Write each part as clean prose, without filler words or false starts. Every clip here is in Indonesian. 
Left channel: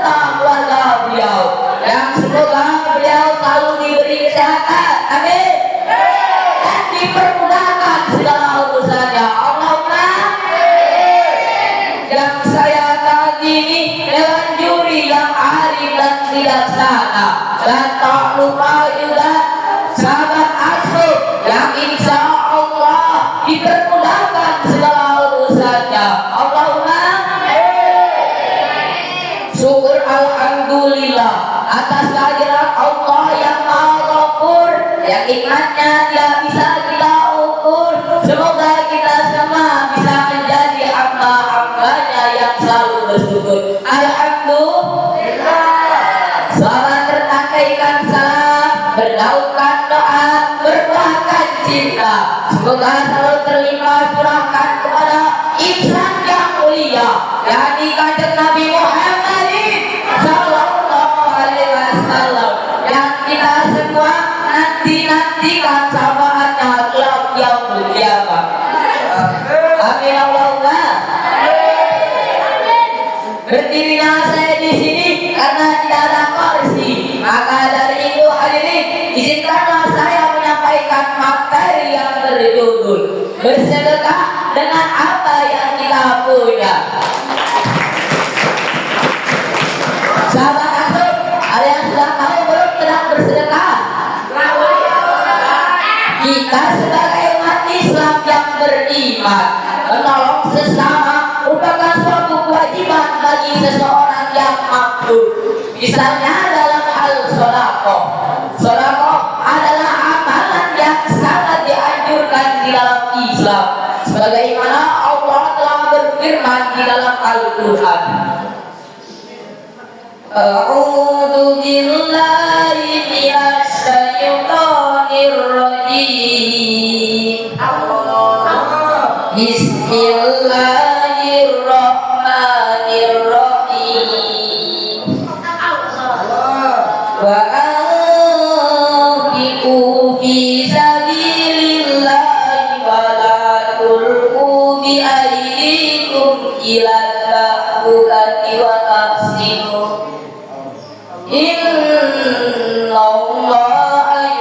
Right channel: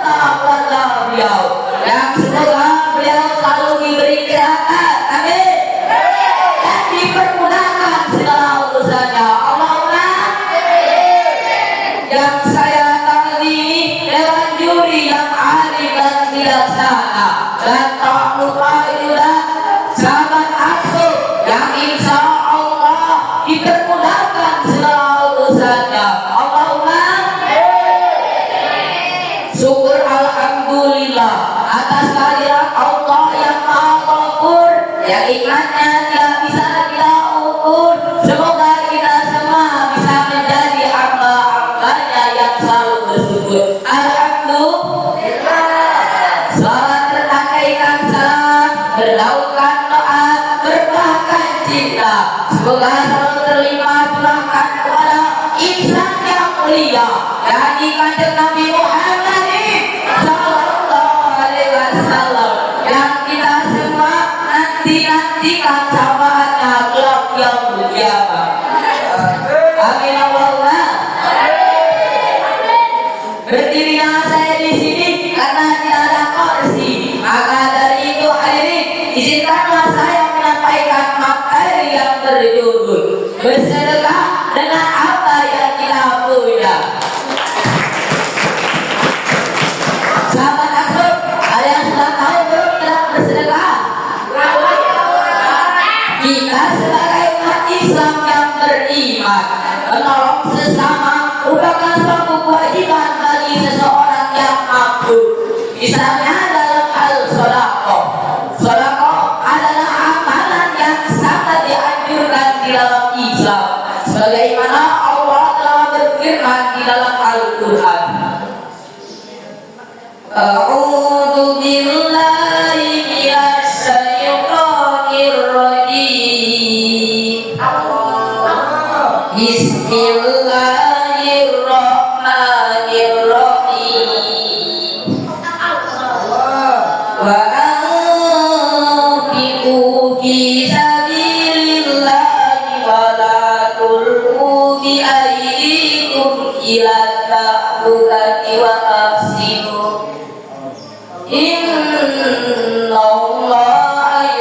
beserta keluarga beliau yang semoga beliau selalu diberi kesehatan, amin, dan dipermudahkan segala urusannya, Allahumma yang saya tangan ini dewan juri yang ahli dan bijaksana, dan tak lupa juga sahabat asuh yang insya Allah dipermudahkan segala urusannya, Allahumma syukur alhamdulillah atas kehadiran Allah yang maha ghafur, yang nikmatnya tidak bisa kita ukur. Semoga kita semua bisa menjadi hamba-hambanya yang selalu bersyukur. Alhamdulillah. Salat bernakaikan salam, berlakukan doa, berbahkan cinta. Semoga selalu terlimpah berkah kepada insan yang mulia, yakni kanjeng Nabi Muhammad sallallahu alaihi wasallam, yang kita semua nantikan syafaatnya kelak yaumul qiyamah. Amin Allahumma. Berdirinya saya di sini karena tidak ada kursi, maka dari itu hadirin izinkanlah saya menyampaikan materi yang berjudul bersedekah dengan apa yang kita punya. Sahabat asuh, kalian sudah tahu belum tentang bersedekah? Kita sebagai umat Islam yang beriman, menolong sesama merupakan suatu kewajiban bagi seseorang yang mampu. Misalnya dalam hal sedekah. Sedekah adalah amalan yang sangat dianjurkan di dalam Islam, sebagaimana Allah telah berfirman di dalam Al-Quran. A'udzu billahi minasy syaithanir rajim. Bismillahirrahmanirrahim. Wa anfiqu fi sabilillahi wa la tulqu bi aydikum ila ta'ulati wa tafsidu. Innallaha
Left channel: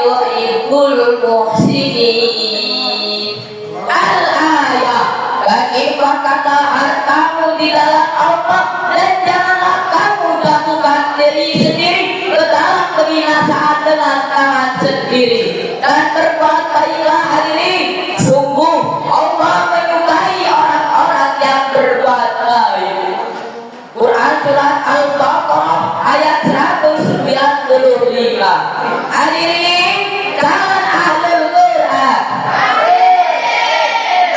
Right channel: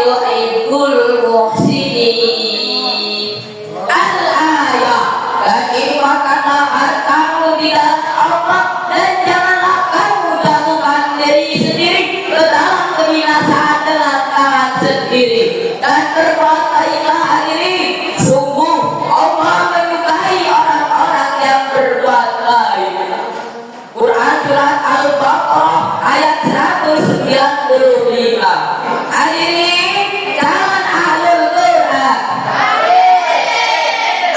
yuhibbul muhsinin. Al-ayat. Dan infakkanlah hartamu di dalam Allah, dan janganlah kamu jatuhkan diri sendiri ke dalam kebinasaan dengan tangan sendiri. Dan berbuat baiklah hadirin, sungguh Allah menyukai orang-orang yang berbuat baik. Quran surat Al-Baqarah ayat 195. Hadirin kawan ahlul Quran,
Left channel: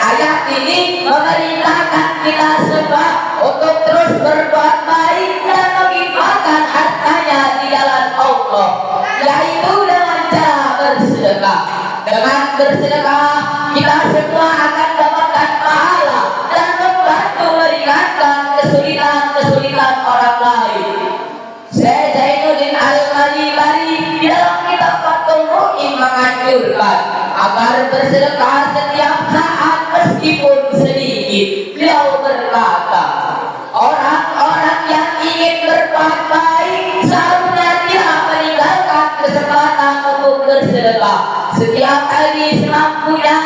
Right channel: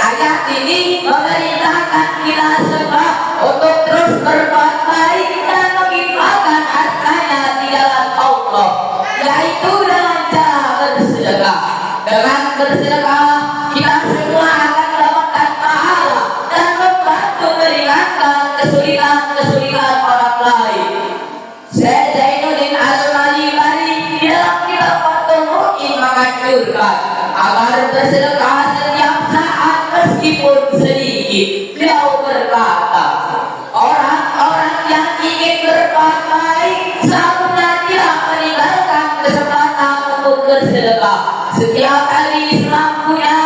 ayat ini memerintahkan kita semua untuk terus berbuat baik dan menginfakkan hartanya di jalan Allah, yaitu dengan cara bersedekah. Dengan bersedekah kita semua akan mendapatkan pahala dan membantu meringankan kesulitan orang lain. Syekh Zainuddin Al-Malibari dalam kitab Fathul Mu'in menganjurkan agar bersedekah setiap saat meskipun sedikit. Beliau berkata, orang-orang yang ingin berbuat baik seharusnya dia meninggalkan kesempatan untuk bersedekah setiap kali semampunya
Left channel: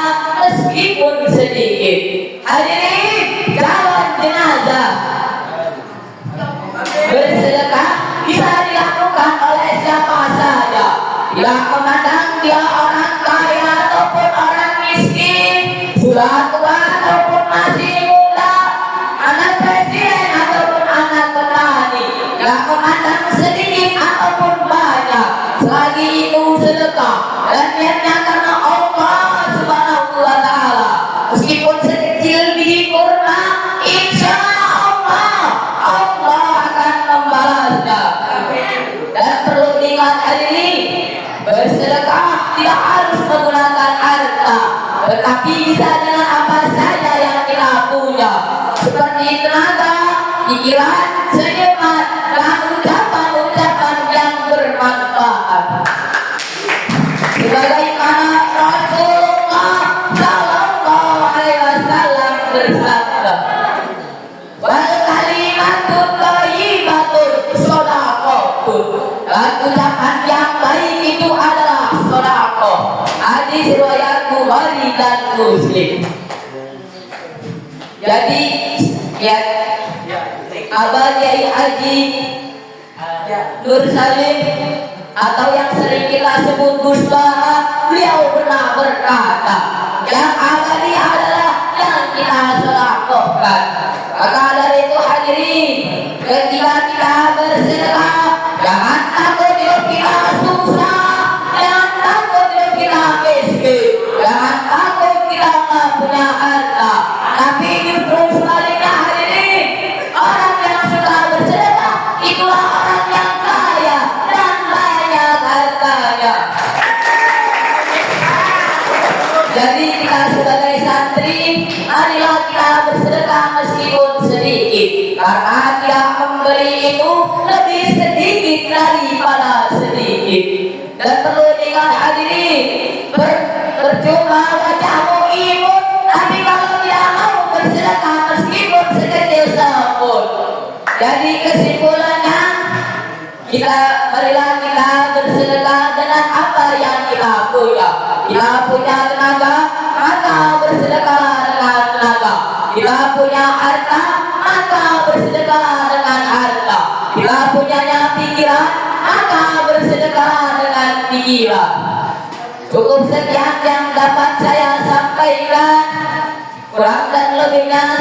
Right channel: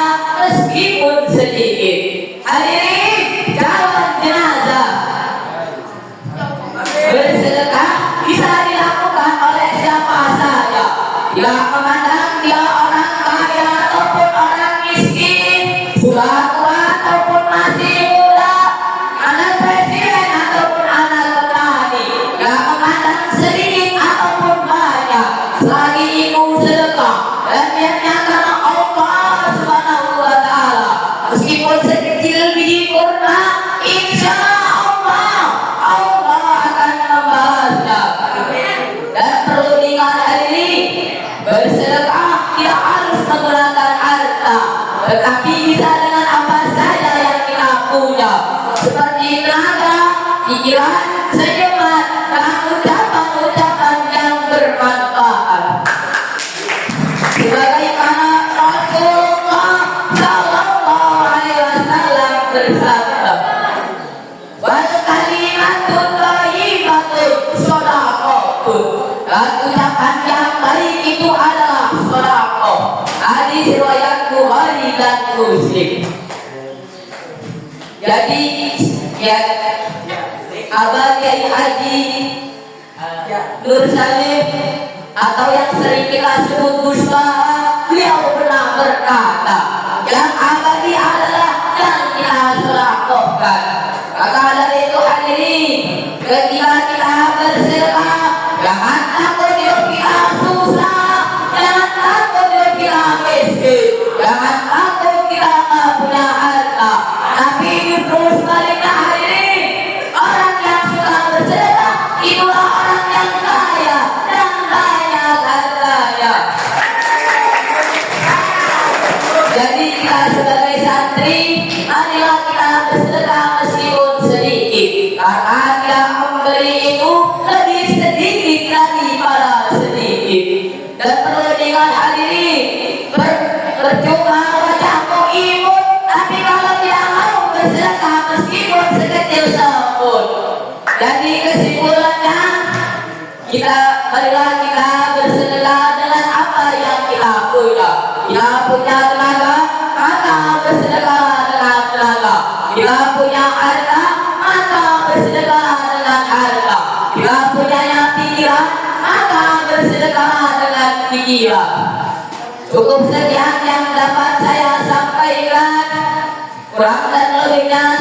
meskipun sedikit. Hadirin kawan jenazah, bersedekah bisa dilakukan oleh siapa saja, tidak memandang dia orang kaya ataupun orang miskin, sudah tua ataupun masih muda, anak presiden ataupun anak petani, tidak memandang sedikit ataupun banyak, selagi itu sedekah dan niatnya karena Allah Subhanahu wa Ta'ala, meskipun sekecil biji kurma, insya Allah akan membalasnya. Dan perlu diingat hadirin, bersedekah tidak harus menggunakan harta, tetapi bisa dengan apa saja yang kita punya, seperti tenaga, pikiran, senyuman, dan ucapan muslim. Jadi ya Abah Kiai Haji Nur Salim atau yang sering kita sebut Gus Baha, beliau pernah berkata, yang abadi adalah yang kita sedekahkan. Maka dari itu hadirin, ketika kita bersedekah, jangan takut kita susah, jangan takut kita miskin, jangan takut kita nggak punya harta, tapi justru sebaliknya hadirin, orang yang sudah bersedekah itulah orang yang kaya dan kaya dan kaya. Jadi kita sebagai santri, marilah kita bersedekah meskipun sedikit, karena dia memberi itu lebih sedikit daripada sedikit. Dan perlu diingat hadirin, percuma wajahmu imut, tapi kalau dia mau bersedekah meskipun sekecil apapun. Jadi kesimpulannya, marilah kita bersedekah dengan apa yang kita punya. Kita punya tenaga, maka bersedekah dengan tenaga. Kita punya harta, maka bersedekah dengan harta. Kita punya pikiran, maka bersedekah dengan pikiran. Cukup sekian yang dapat saya sampaikan. Kurang dan lebihnya